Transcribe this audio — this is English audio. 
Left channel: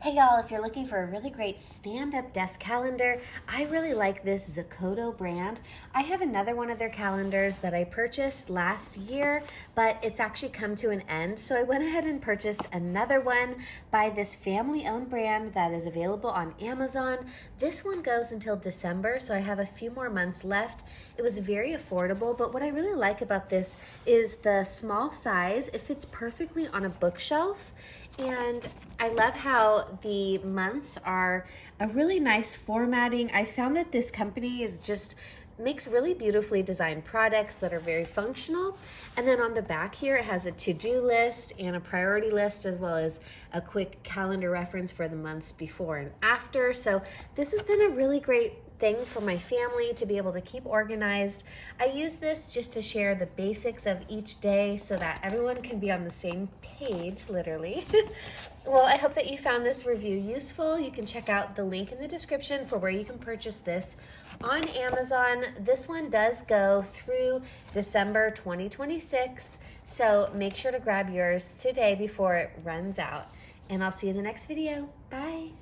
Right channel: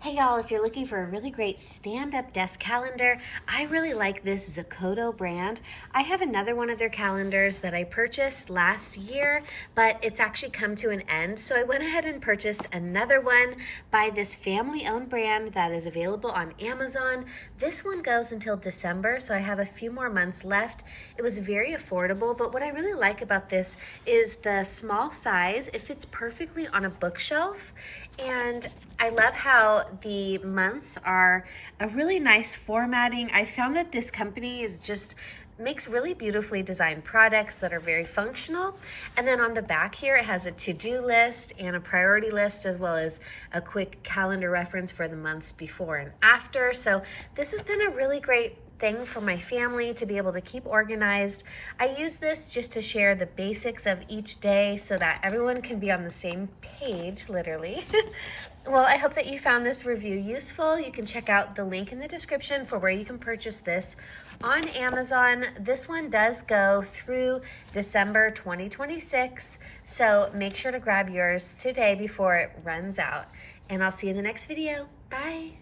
Hey y'all, if you're looking for a really great stand-up desk calendar, I really like this Zakoto brand. I have another one of their calendars that I purchased last year, but it's actually come to an end. So I went ahead and purchased another one by this family-owned brand that is available on Amazon. This one goes until December, so I have a few more months left. It was very affordable, but what I really like about this is the small size. It fits perfectly on a bookshelf. And I love how the months are a really nice formatting. I found that this company is just makes really beautifully designed products that are very functional. And then on the back here, it has a to-do list and a priority list, as well as a quick calendar reference for the months before and after. So this has been a really great thing for my family to be able to keep organized. I use this just to share the basics of each day so that everyone can be on the same page, literally. Well, I hope that you found this review useful. You can check out the link in the description for where you can purchase this on Amazon. This one does go through December 2026, so make sure to grab yours today before it runs out. And I'll see you in the next video. Bye.